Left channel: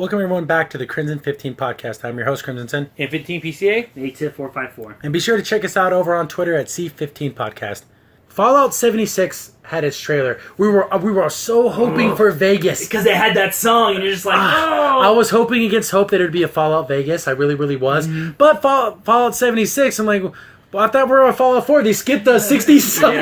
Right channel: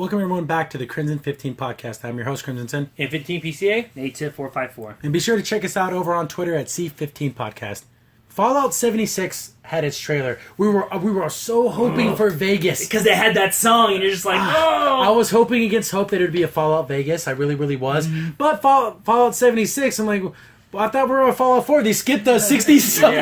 Welcome everyone back to the Crimson 15 podcast. I'm your host, Crimsonson. And 15 PCA? ATIP454. And be sure to check us out over on Twitter at C15 Podcast. Fallout 76 had its trailer. We were so hoping for Vegas. Because they had that song, and you're just like, no! I was hoping against hope that it would be a Fallout Vegas. I really, really was. Mm-hmm. But Fallout 76, I'm like, well, I thought we were on Fallout 4. They skipped the 60s song.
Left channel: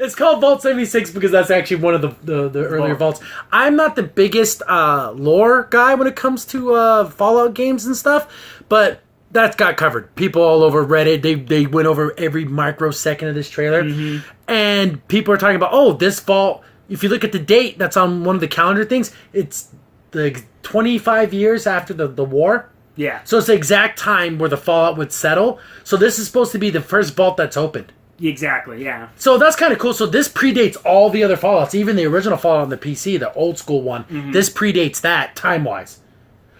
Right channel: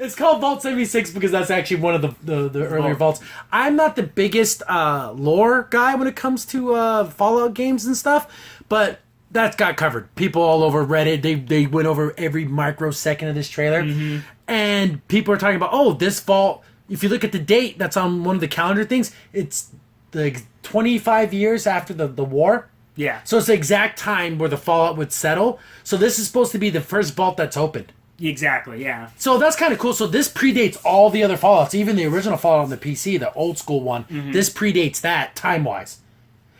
It's called Vault 76 because that's actually one of the earlier vaults. I'm not the biggest lore guy when it comes to Fallout games and stuff, but that got covered. People all over Reddit, they went over every microsecond of this trailer. Mm-hmm. And people are talking about, oh, this vault, if you look at the date that's on one of the calendar things, it's the 25 years after the war. Yeah. So it's the exact time where the Fallout would settle. So this is supposed to be the first vault that's opened. Exactly, yeah. So that's kind of cool. So this predates all the other Fallouts, even the original Fallout on the PC, the old school one. Mm-hmm. This predates that time-wise.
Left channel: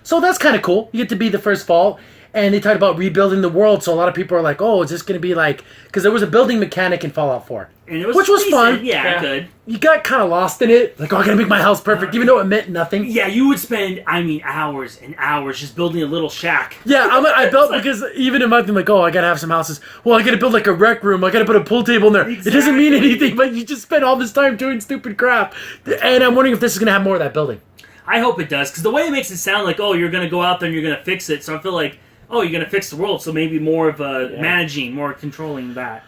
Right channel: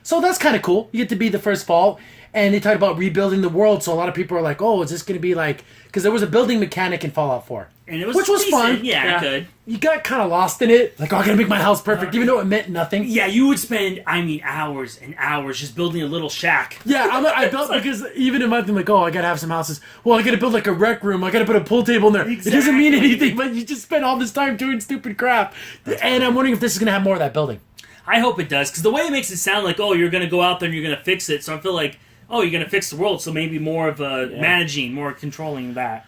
So that's kind of cool. You get to be the first vault. And they talked about rebuilding the world. So a lot of people are like, oh, is this going to be like... Because there was a building mechanic in Fallout 4. And it was which was fun. Decent. Yeah, good. You got kind of lost in it. Like, oh, I got to make my house perfect, even though it meant nothing. Yeah, you would spend, hours and hours just building a little shack. Yeah, I built because even in my thing, like, oh, I got to have some houses. Well, I got to build like a rec room. I got to put a pool table in there. Exactly. It doesn't mean anything, but you just spend all this time doing stupid crap. And I'm wondering if this is going to have more of that building. I hope it does, because the way it makes it sound like, oh, you're going to go out there and you're going to fix it. So I feel like, oh, you're going to fix the world. So maybe more of managing, more controlling that.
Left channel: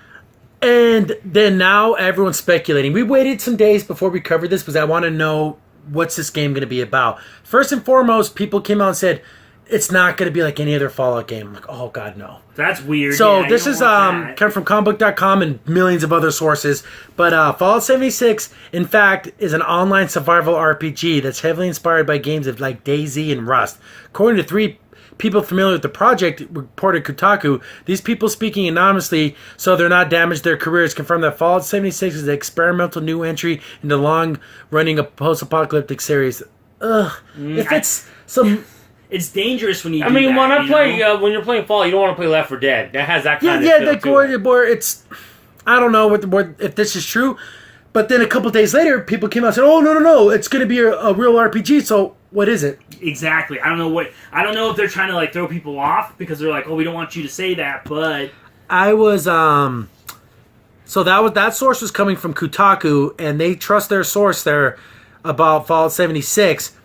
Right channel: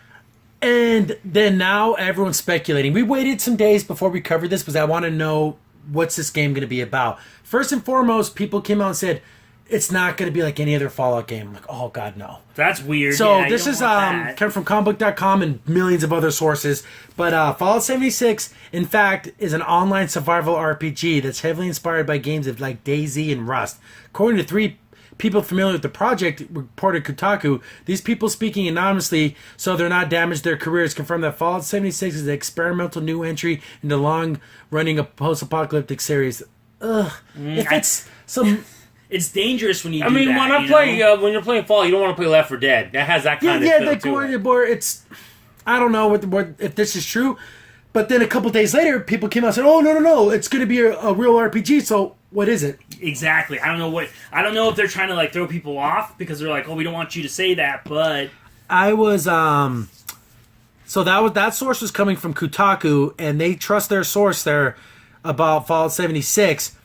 And then now everyone's speculating. We waited some days before we covered this because I want to know what's this game going to be about. First and foremost, people came out and said it's not going to be like any other Fallout game. I'm like, oh god, no. That's weird. So this is coming from comicbook.com and millions of other sources. But Fallout 76, in fact, is an online survival RPG that's heavily inspired by games of like DayZ and Rust. According to three people familiar with the project reported Kotaku, these people speaking anonymously so they're not damaged their careers confirmed that Fallout 76 is an experimental new entry in the long-running post-apocalyptic series. If it's some... It's dangerous when you when you're playing Fallout, you don't want to play Left 4 Dead. That has that kind of feel it's... I don't know if this is true, but then a couple days later, people came out and said, oh, no, it's going to be a real RPG, so what is it? Exactly. I don't know if they're trying to like throw people off because they're like, oh, we don't want you to say that, but I was so that source was coming from Kotaku, and they trust their source there about Fallout 76.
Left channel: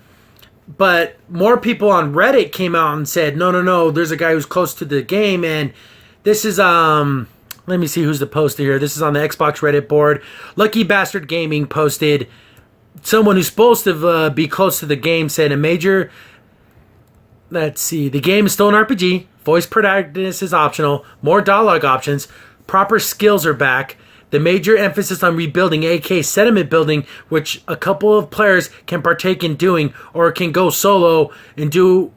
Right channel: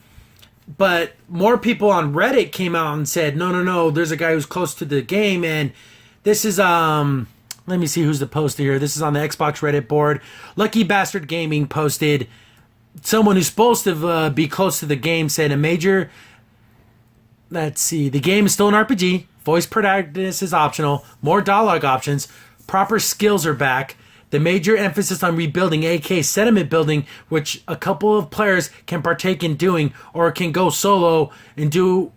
But more people on Reddit came out and said, no, there's a guy who's close to the game, and this is let me see who's the poster here. This is on the Xbox Reddit board. Lucky Bastard Gaming posted, someone who's supposed to be close to the game said let's see, the game is still an RPG, voice protagonist is optional, more dialogue options, proper skills are back, the major emphasis on rebuilding, aka sediment building, which a couple of players can partake in doing, or can go solo and do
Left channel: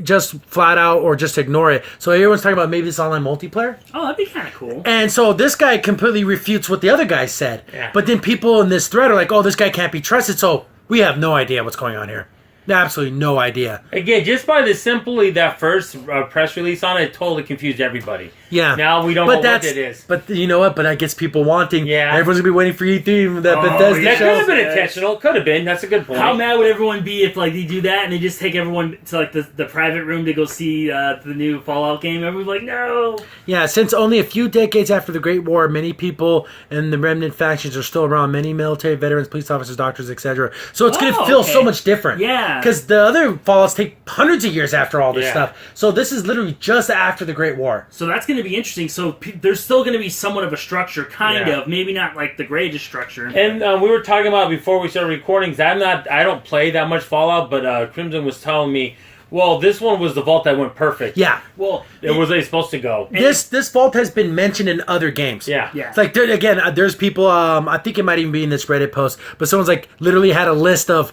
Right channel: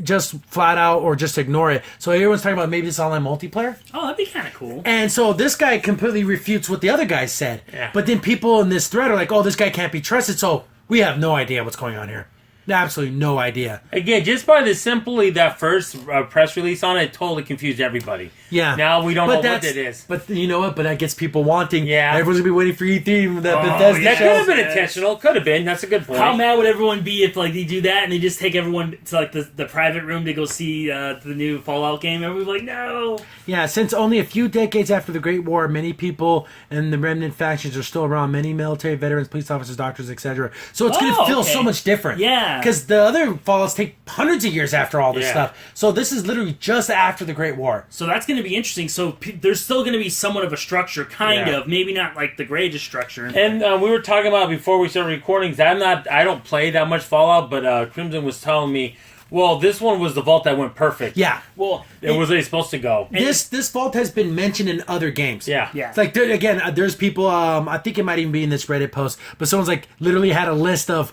just flat out or just ignore it. So everyone's talking about maybe this online multiplayer. Oh, that'd be kind of cool. And so this guy completely refutes what the other guy said. Yeah. But then people in this thread are like, oh, this guy can't be trusted, so we have no idea what's going on here. Absolutely no idea. Again, just by that first press release on it totally confused everybody. Yeah. Now we don't know what it is. But you know what? But I guess people wanting. Yeah. Everyone's going to be waiting for E3. That Bethesda that show. could have been intentional. Could have been. That's a good point. How mad would everyone be if like they do that and they just take everyone to like the private room to go see the new Fallout game? Everyone's like, no. Yeah, since only a few decades after the Great War, many people and the remnant factions are still around. Many military veterans, police officers, doctors, etc. So it's going to feel so much different. Yeah. Because the other Fallouts take hundreds of years after all this stuff. So this is literally just after the Great War. So that's going to be interesting. So there's still going to be somewhat of a structure, kind of. Maybe not like the greatest structure. And we were talking about before we started recording, because I don't play that much Fallout, but Crimson was telling me, well, this one was the vault that went perfect. Yeah. Well, it was supposed to go. This vault has been mentioned in other games. Yeah. It's like, there's people, I think it might even be in this Reddit post, but someone's like literally had a list of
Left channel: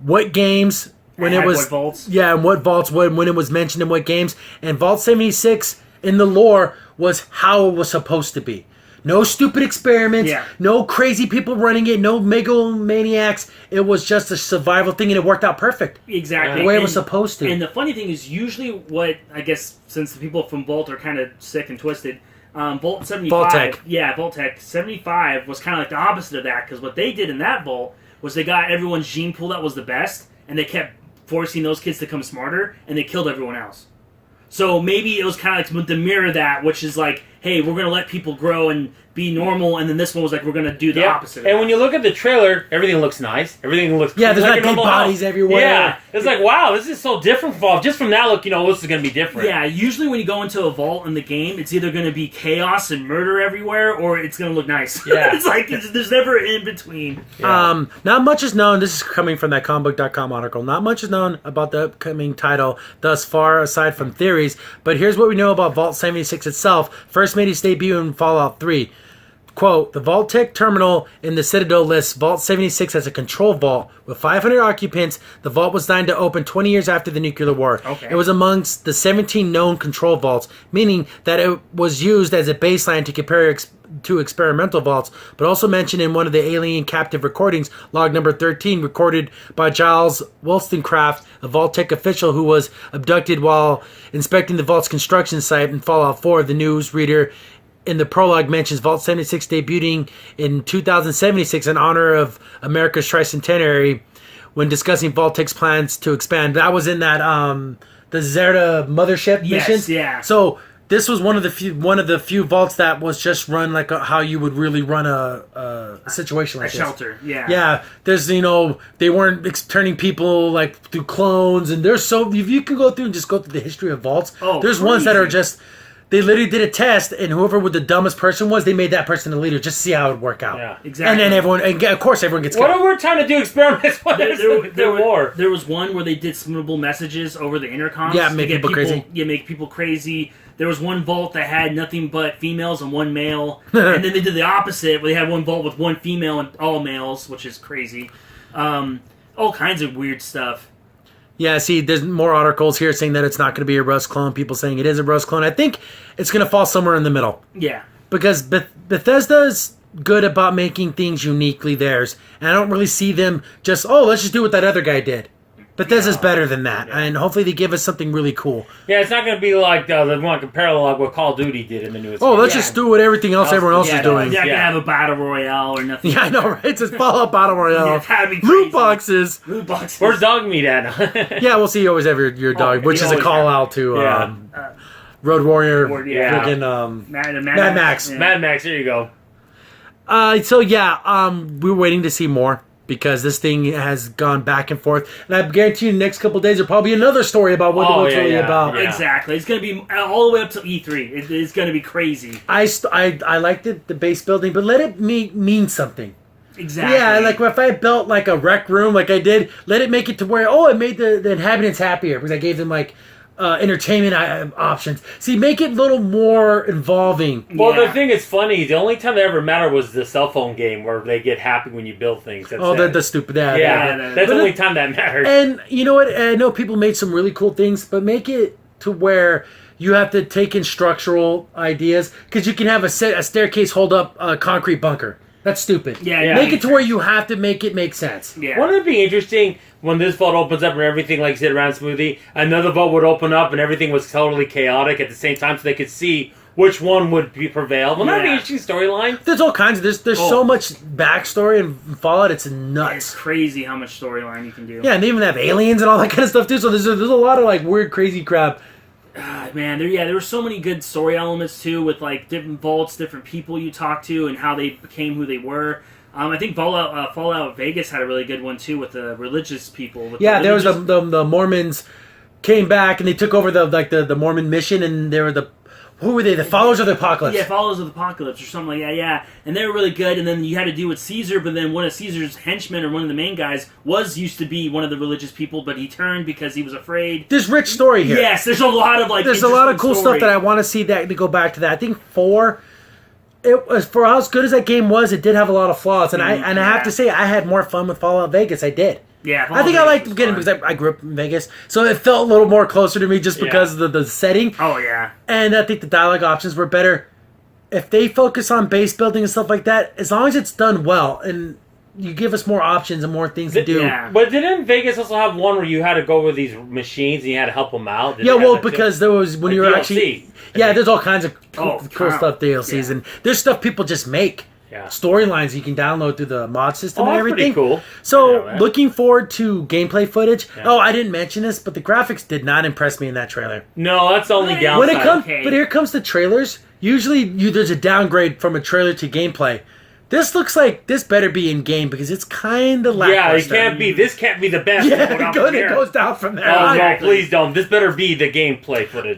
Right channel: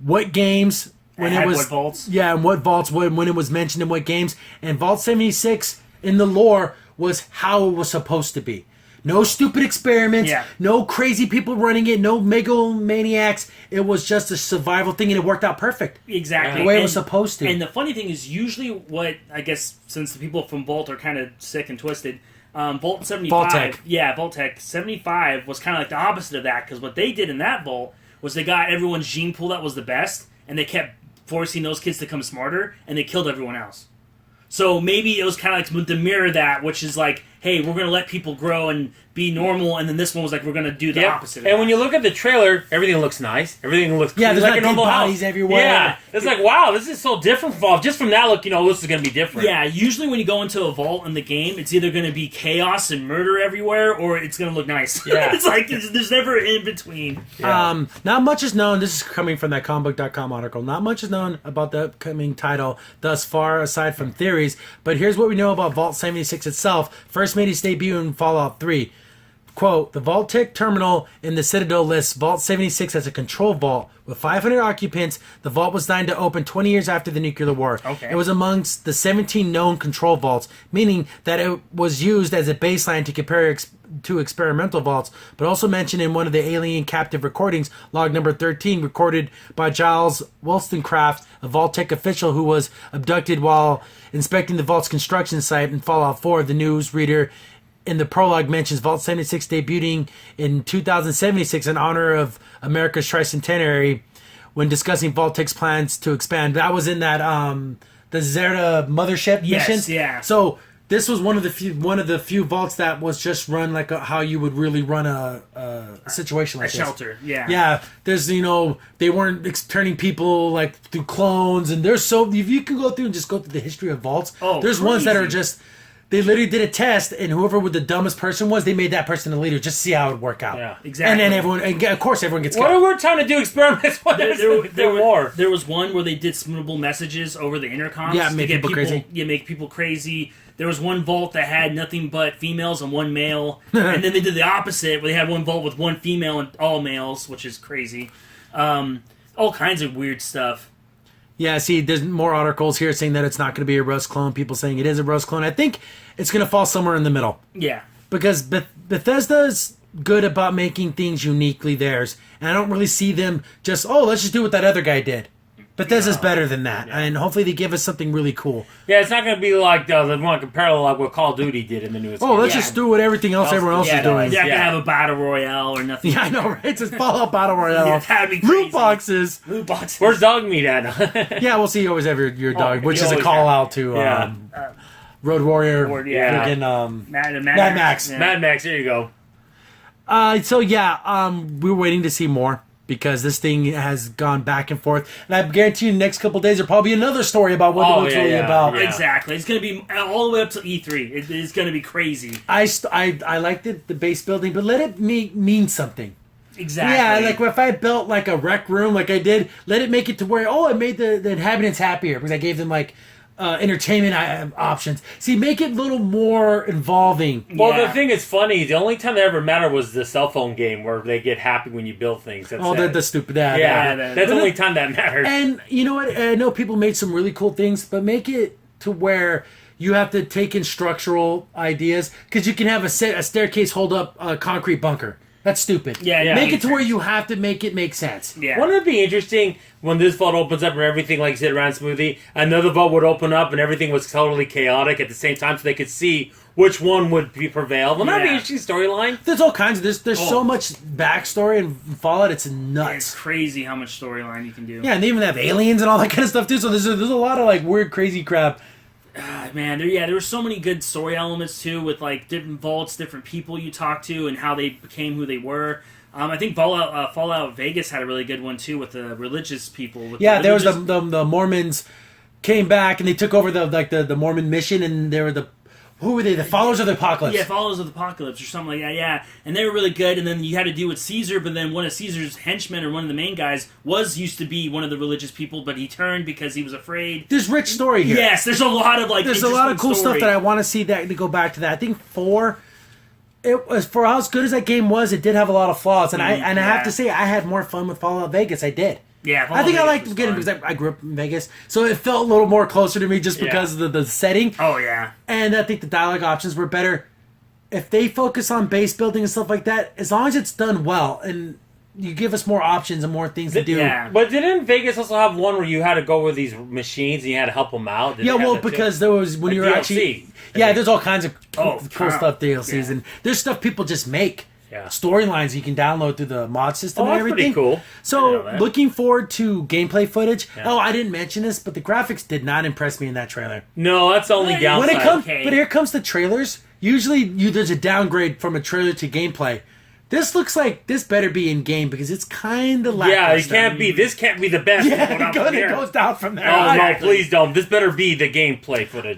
what games when it was... What vaults. Yeah, and what vaults when it was mentioned in what games. And Vault 76 in the lore was how it was supposed to be. No stupid experiments, no crazy people running it, no megalomaniacs. It was just a survival thing, and it worked out perfect. Exactly. The way it was supposed to. And the funny thing is, usually what, I guess, since the people from Vault are kind of sick and twisted, Vault 75... Vault-Tec. Yeah, Vault-Tec 75 was kind of like the opposite of that, because what they did in that Vault was they got everyone's gene pool that was the best, and they kept forcing those kids to become smarter, and they killed everyone else. So maybe it was kind of like to mirror that, which is like, hey, we're going to let people grow and be normal, and then this one was like, we're going to do the opposite of And that. when you look at the trailer, everything looks nice. Everything looks Yeah, there's like like a dead normal bodies house. everywhere. Yeah, it's like, wow, this is so different from just from that look, this is going to be different. Yeah, usually when you go into a vault in the game, it's either going to be chaos and murder everywhere, or it's going to look nice. Yeah. It's like there's never in between. Yeah. Not much is known. This is coming from that comicbook.com article. Not much is known about the upcoming title thus far, aside from theories. But here's what we know about Vault 76 itself. First made its debut in Fallout 3. Quote, the Vault-Tec terminal in the Citadel lists Vault 76 as a control vault with 500 occupants. The vault was designed to open 20 years after the nuclear war. Okay. It was amongst the 17 known control vaults, meaning that it was used as a baseline to compare to experimental vaults, but also mentioned in one of the alien captive recordings, log number 13, recorded by Giles Wollstonecraft, a Vault-Tec official who was abducted while inspecting the vault's construction site in Fallout 4. The newsreader in the prologue mentions Vault 76 debuting in 2076 in honor of America's tricentenary when discussing Vault-Tec's plans to expand. That was in that the Zerta mothership Yes, missions. yeah. So this was one of the few vaults that was just run like how you would really run a situation A like this. shelter, yeah. Yeah, there's they weren't turning people like through clones, and there's if you can go through and just go through the history of vaults. Oh, there's ones that are crazy. just they literally did a test, and whoever the dumbest person was, they made that person the leader just to see how it would work out. Yeah. Exactly. And then of course, everyone gets What caught. are we trying to do experiments with? There was one where they did subliminal messages over the intercoms. Yeah, to make get people crazy. Yeah, make people crazy. There was one vault that had nothing but females and one male, and then they did the opposite, where they had one vault with one female and all males, which is crazy. All kinds of weird stuff. Yeah, see, there's more articles here saying that it's not going to be a Rust clone. People saying it is a Rust clone. I think it's going to fall somewhere in the middle. Yeah. Because Bethesda's good about making things uniquely theirs. And I don't really see them just, let's just do what that other guy did. Bethesda's better than that. And hopefully they give us something really cool. Yeah, it's not going to be like the one parallel like what Call of Duty did in the newest. Let's Yeah. just do what everything else everyone else Yeah, is doing. They're not Yeah. gonna have a battle royale or nothing. Yeah, I know, right? It's just Fallout Battle Royale. Yeah, that'd be Loot crazy. boxes. Loot boxes. Where's dog meat at? Yeah, we'll see. You always have your dog, which you is a always call have. out to Yeah. Road Warrior. Yeah. Friggin', Mad Max. Yeah. Mad Max, there you go. we're waiting to see more because this thing has gone back and forth, and I guarantee you, the next couple of days there'll probably be another story about what it's really about. Yeah. Exactly. It's going to be all the way up to E3. It's going to be crazy. I like the base building, but let it mean something. Exactly. Yeah, like if I built like a rec room, like I did, let it make it to where it made the inhabitants happier because I gave them like entertainment options. See, make it a little more involving. Well, Yeah. the thing is funny. The only time that ever mattered was the cell phone game where they get happy when you build things. That's it. The stupid yeah, Yeah, that's the but only time that mattered. And you know what? I know people made some really cool things, but make it to where you have to take in structural ideas because you can have a staircase hold up a concrete bunker. That's stupid. Yeah. Make it to where you have to make it make sense. Yeah. Wouldn't it be interesting when this vault opens up and everything like said ran smoothly? Another vault would open up and everything was totally chaotic at the same time, so they could see which one would prevail. Wouldn't that be an Yeah. interesting storyline? There's all kinds of there's so much backstory in Fallout. It's It's nuts. crazy how much storyline you can do. Yeah, and they even have aliens and all that kind of stuff too. So there's a lot of like weird, crazy crap. God, man, there were so many good story elements too, with like different vaults, different people you talk to, and how they became who they were. I think Fallout Vegas had a really good one too with the religious people. With Yeah, the there was religious- the Mormons came back and they took over the Mormon mission, and they were who were they? The followers of the apocalypse. Yeah, Followers of the Apocalypse or something like that, yeah. And they were really good, and then you had to deal with Caesar, but then one of Caesar's henchmen or one of the main guys used to be one of the religious people, but he turned because he was afraid. There's rich story here. Yes, there's a lot of like There's a lot of cool interesting stuff that I want to see that to go back to that. I think 4, it was for as good as that game was, it did have a lot of flaws, and I have Yeah. to say I had more fun with Fallout Vegas. I did. Yeah, I think I liked getting because I grew up in Vegas, so it felt a little more closer to me just because of the setting. Oh yeah, And I think the dialogue options were better. If they focus on base building and stuff like that, as long as it's done well and you give us more options and more things to do. Yeah. But didn't Vegas also have one where you had to go with these machines and you had to help them out? Did Yeah, they have well, that too? because there was when Like you were DLC. actually, yeah, there's all kinds of cool Oh, stuff DLCs, yeah. and there's stuff people just make. Yeah. storylines you can download through the mod system and that's everything. pretty cool. I know So that. looking forward to gameplay footage. Yeah. Oh, I didn't mention this, but the graphics did not impress me in that trailer. No, that's the only When downside. When it comes, Okay. but here comes the trailers. Usually, there's a downgrade from a trailer to gameplay. This looks like this better be in game because it's kind of yeah, lackluster. it can't be. This can't be the best. Going Yeah, out from it here. goes down from there. Oh Exactly. no! Please don't. This better be the gameplay footage.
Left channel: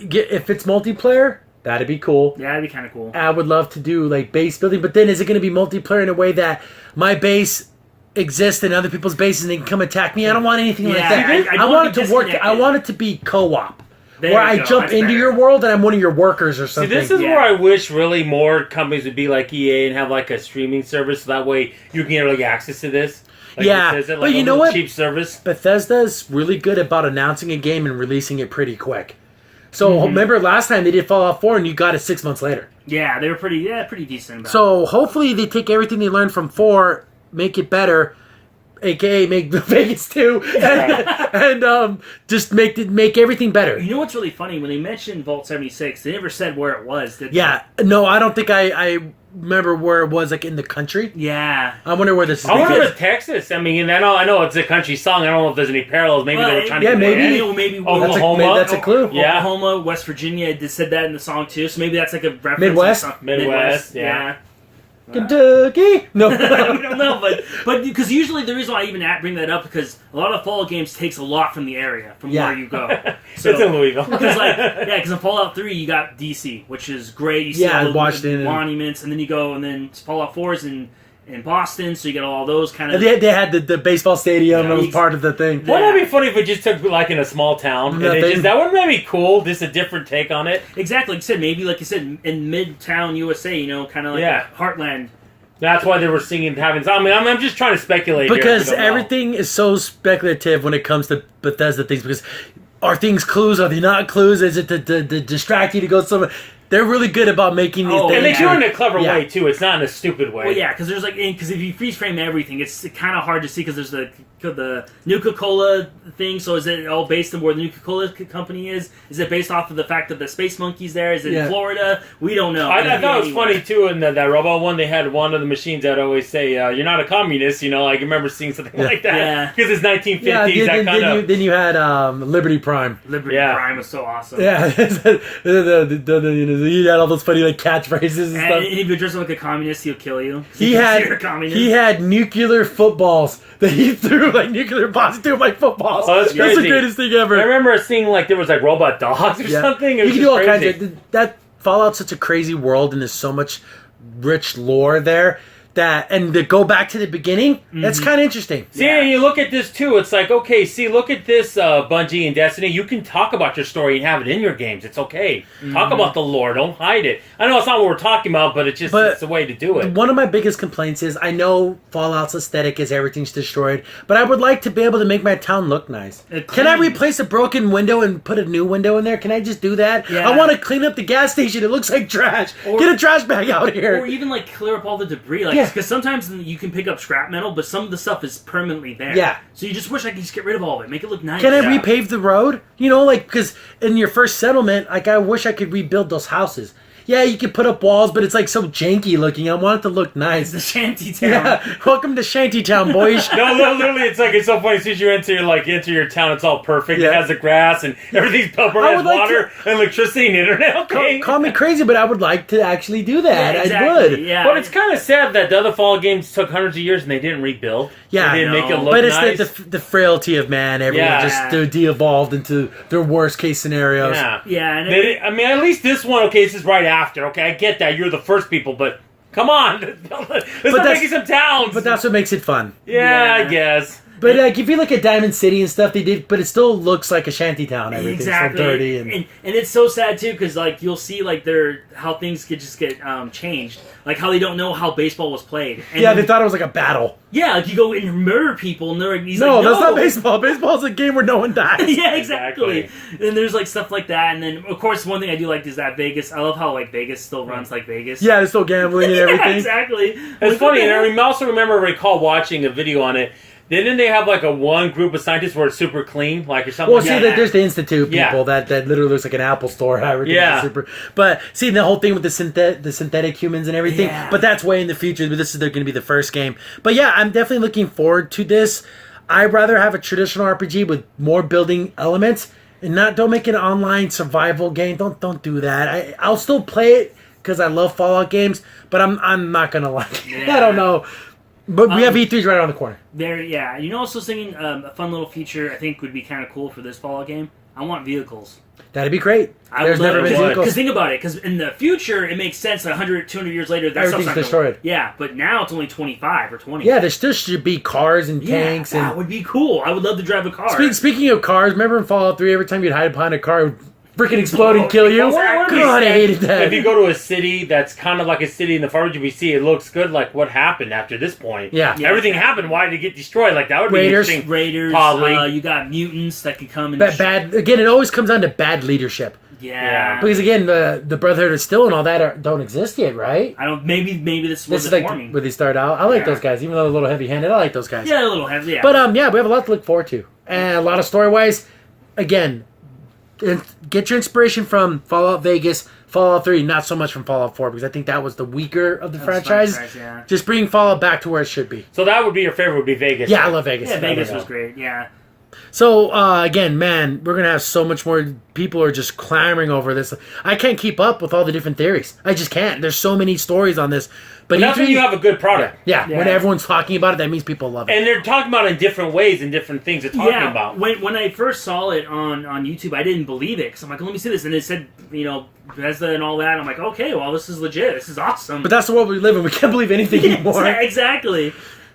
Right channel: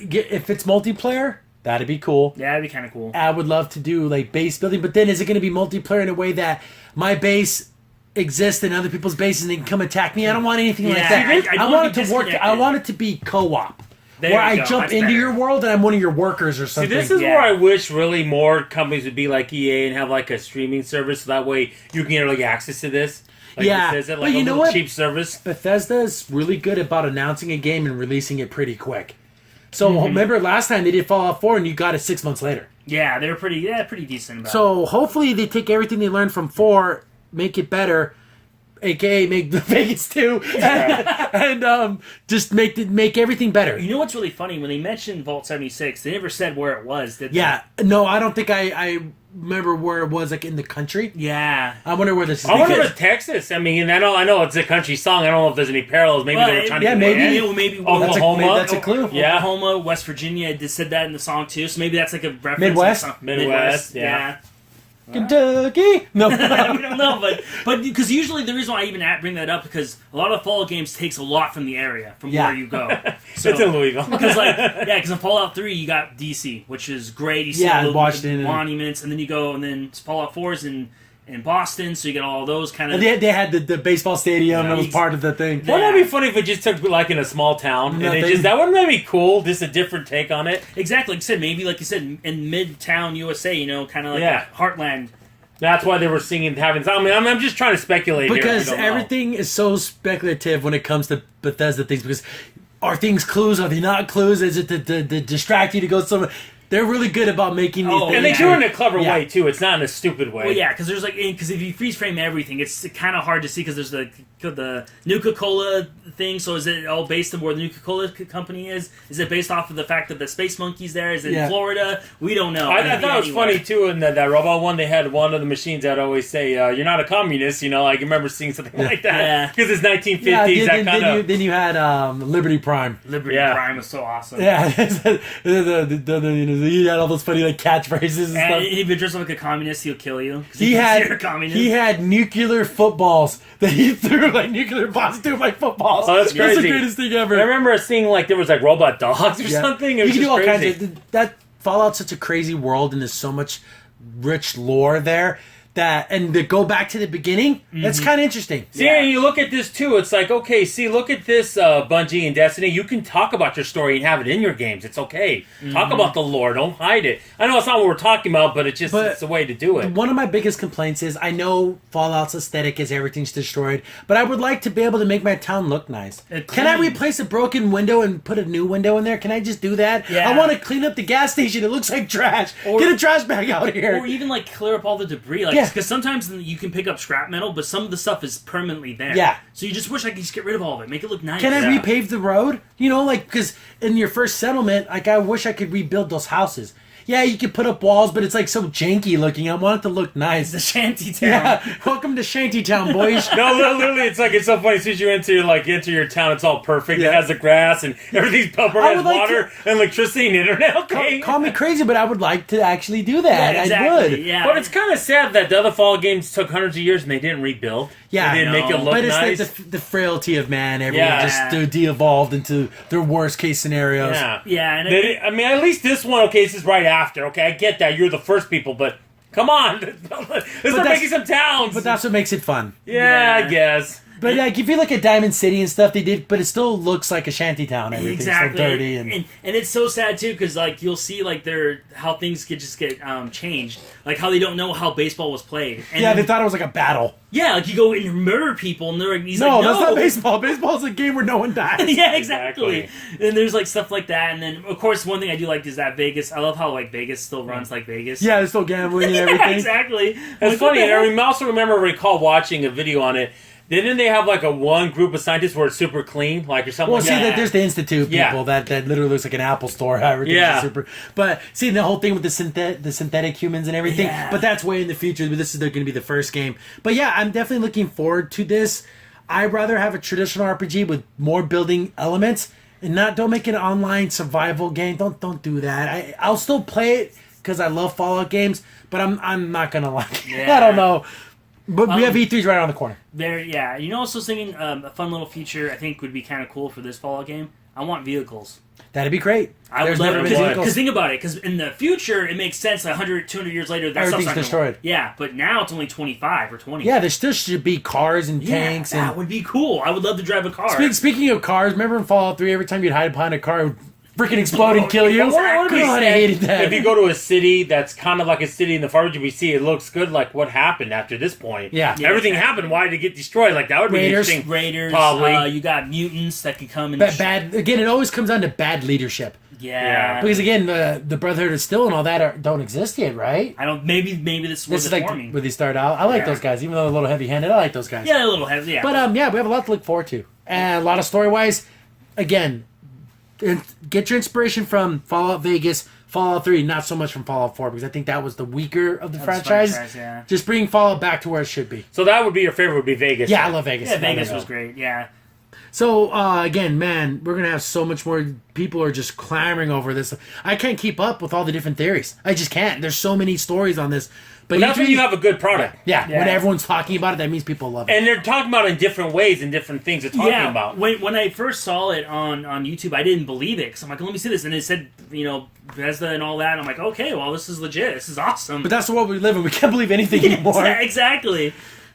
If it's multiplayer, that'd be cool. Yeah, that'd be kind of cool. I would love to do like base building, but then is it going to be multiplayer in a way that my base exists in other people's bases and they can come attack me? I don't want anything like Yeah, that. I don't want want it to to work. I disconnect it. want it to be co-op, There where you I go. jump That's into better. your world and I'm one of your workers or See, something. this is Yeah. where I wish really more companies would be like EA and have like a streaming service, so that way you can get like access to this. Like Yeah, Bethesda, but like you a know little what? cheap service. Bethesda's really good about announcing a game and releasing it pretty quick. So remember last time they did Fallout 4 and you got it 6 months later. Yeah, they were pretty decent about it. So hopefully they take everything they learned from 4, make it better, aka make the Vegas 2, and just make everything better. You know what's really funny? When they mentioned Vault 76, they never said where it was, did they? Yeah, no, I don't think I remember where it was, like in the country. Yeah. I wonder where this is. I wonder because- if Texas. I mean, I know it's a country song. I don't know if there's any parallels. Maybe they were trying yeah, to. maybe. Maybe Oklahoma. That's a clue. Yeah. Oklahoma, West Virginia, they said that in the song too, so maybe that's like a reference. Midwest? To the song. Midwest, yeah. Kentucky. No. We don't know, but because usually the reason why I even bring that up because a lot of Fallout games takes a lot from the area from Yeah. where you go. It's in Louisville. Because because in Fallout 3 you got DC, which is great. You see Yeah, all the Washington and- monuments, and then you go and then Fallout 4 is in Boston, so you get all those kind of. They had the baseball stadium. Yeah, That was part of the thing. Yeah. Wouldn't that be funny if it just took like in a small town? And Nothing. that wouldn't that be cool? Just a different take on it. Exactly, like you said, maybe like you said in Midtown USA, kind of like Yeah. a heartland. That's why they were singing having. I mean, I'm just trying to speculate here, Because I don't know. everything is so speculative when it comes to Bethesda things. Because are things clues? Are they not clues? Is it to distract you to go somewhere? They're really good about making these Oh, things. And they yeah. do it in a clever Yeah. way too. It's not in a stupid way. Well, yeah, because there's because if you freeze frame everything, it's kind of hard to see because there's the Nuka-Cola thing. So is it all based on where the Nuka-Cola company is? Is it based off of the fact that the Space Monkey's there? Is it Yeah. in Florida? We don't know. I thought it was funny too in that robot one. They had one of the machines that always say, "You're not a communist." I can remember seeing something like that. Yeah. Because it's 1950s. Yeah, that kind of. then you had Liberty Prime. Liberty Yeah. Prime was so awesome. Yeah, you had all those funny like catchphrases and And stuff. if you dress up like a communist, he'll kill you. 'cause He thinks you're a had communist. nuclear footballs that he threw like nuclear bombs threw like footballs. Oh, that's the crazy. greatest thing I ever. remember seeing like there was like robot dogs or Yeah. something. It You was can just do all crazy. kinds of that. Fallout's such a crazy world, and there's so much rich lore there and to go back to the beginning, that's kind of interesting. See, and you look at this too. It's like, okay, see, look at this, Bungie and Destiny. You can talk about your story and have it in your games. It's okay. Talk about the lore. Don't hide it. I know it's not what we're talking about, but it's the way to do it. One of my biggest complaints is I know Fallout's aesthetic is everything's destroyed, but I would like to be able to make my town look nice. Can I replace a broken window and put a new window in there? Can I just do that? Yeah. I want to clean up the gas station. It looks like trash. Get a trash bag out here. Or even like clear up all the debris, like Yeah. because sometimes you can pick up scrap metal, but some of the stuff is permanently there. Yeah. So you just wish I could just get rid of all of it, make it look nice. Can I Yeah. repave the road? Because in your first settlement, like I wish I could rebuild those houses. Yeah, you could put up walls, but it's like so janky looking. I want it to look It's nice. the shanty town. Yeah, welcome to Shantytown, boys. No, literally, it's so funny. As soon as you enter your town, it's all perfect. Yeah. It has the grass and everything's pepper, I has would like water and electricity and internet. Okay. Call me crazy, but I would like to actually do that. Yeah, exactly. I would. Yeah. But it's kind of sad that the other Fallout games took hundreds of years and they didn't rebuild. Yeah. They didn't make it No. look But it's nice. the frailty of man. Everyone Yeah. just de-evolved into their worst case scenarios. Yeah. Yeah, and I mean, at least this one, okay, this is right after. Okay, I get that. You're the first people, but come on. Let's start that's- making some towns. But that's what makes it fun. yeah, I Yeah. guess. But like, if you look at Diamond City and stuff, they did, but it still looks like a shantytown. Everything's exactly. so dirty and it's so sad too because like you'll see like how things could just get changed, like how they don't know how baseball was played. And yeah, they thought it was like a battle. yeah, like you go and murder people, and they're like, he's No, like, that's not baseball. Baseball's a game where no one dies. Yeah, exactly. And there's like stuff like that, and then of course one thing I do like is that Vegas. I love how like Vegas still runs like Vegas. Yeah, they're still gambling and Yeah, everything. exactly. It's Like, what funny. the And heck? I also recall watching a video on it. Didn't they have like a one group of scientists where it's super clean, like or something? Well, like see, that? there's the Institute people Yeah. that literally looks like an Apple store. Everything's Yeah. super. But see, the whole thing with the synthetic humans and everything. Yeah. But that's way in the future. But this is going to be the first game. But yeah, I'm definitely looking forward to this. I'd rather have a traditional RPG with more building elements and don't make it an online survival game. Don't do that. I'll still play it because I love Fallout games, but I'm not gonna like it. Yeah. I don't know. But we have E3s right around the corner. Yeah. You know, also thinking a fun little feature I think would be kind of cool for this Fallout game. I want vehicles. That'd be great. There's would never love been to. vehicles. Because think about it. Because in the future, it makes sense. 100, 200 years later, their Everything's stuff's not destroyed. Yeah, but now it's only 25 or 20. Yeah, there still should be cars and Yeah, tanks. that And would be cool. I would love to drive a car. speaking of cars, remember in Fallout 3, every time you'd hide behind a car, it would freaking explode and kill you? Exactly. God, I hated that. If you go to a city that's kind of like a city in the far GBC, it looks good. Like what happened after this point? Yeah. Everything happened. Why did it get destroyed? Like that would be Raiders. interesting. Raiders, Probably. you got mutants that can come and... Bad. Again, it always comes down to bad leadership. Yeah. Because again, the Brotherhood of Steel and all that don't exist yet, right? I don't... Maybe this This was is the like forming. where they start out. I like Yeah. those guys, even though they're a little heavy-handed. I like those guys. Yeah, a little heavy, yeah. But yeah, we have a lot to look forward to, and a lot of story-wise. Again, get your inspiration from Fallout Vegas, Fallout 3, not so much from Fallout 4, because I think that was the weaker of the franchise. Yeah. Just bring Fallout back to where it should be. So that would be your favorite. Would be Vegas. Yeah, I love Vegas. Yeah, Vegas I love was great, yeah. So, again, man, we're going to have so much more. People are just clamoring over this. I can't keep up with all the different theories. I just can't. There's so many stories on this. But That's when you have a good product. Yeah, when Yeah. everyone's talking about it, that means people love it. And they're talking about it in different ways and different things they're talking about. When I first saw it on YouTube, I didn't believe it because I'm like, let me see this, and it said, Bethesda and all that. And I'm like, okay, well, this is legit. This is awesome. But that's the world we live in. We can't believe anything anymore. Exactly.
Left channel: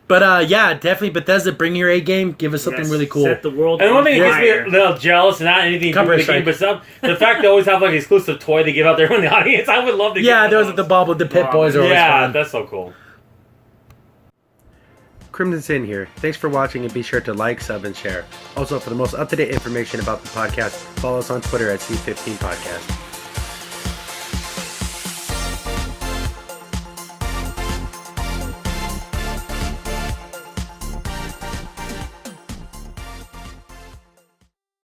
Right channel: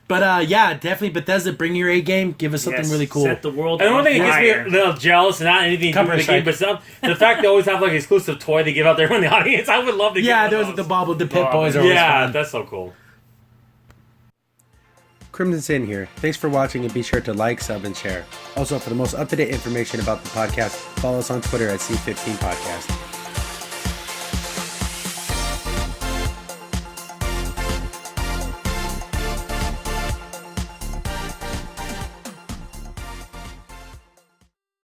But yeah, definitely Bethesda, bring your A game. Give us something Yes, really cool. Set the world And one thing that on makes me fire. a little jealous, and not anything to do Copyright with the game, but strike. the fact they always have like exclusive toy they give out there in the audience. I would love to. Yeah, get there one was of the those. Bob with the Pit Boys. Are always Yeah, fun. that's so cool. Crimson Sin here. Thanks for watching, and be sure to like, sub, and share. Also, for the most up-to-date information about the podcast, follow us on Twitter at C15 Podcast.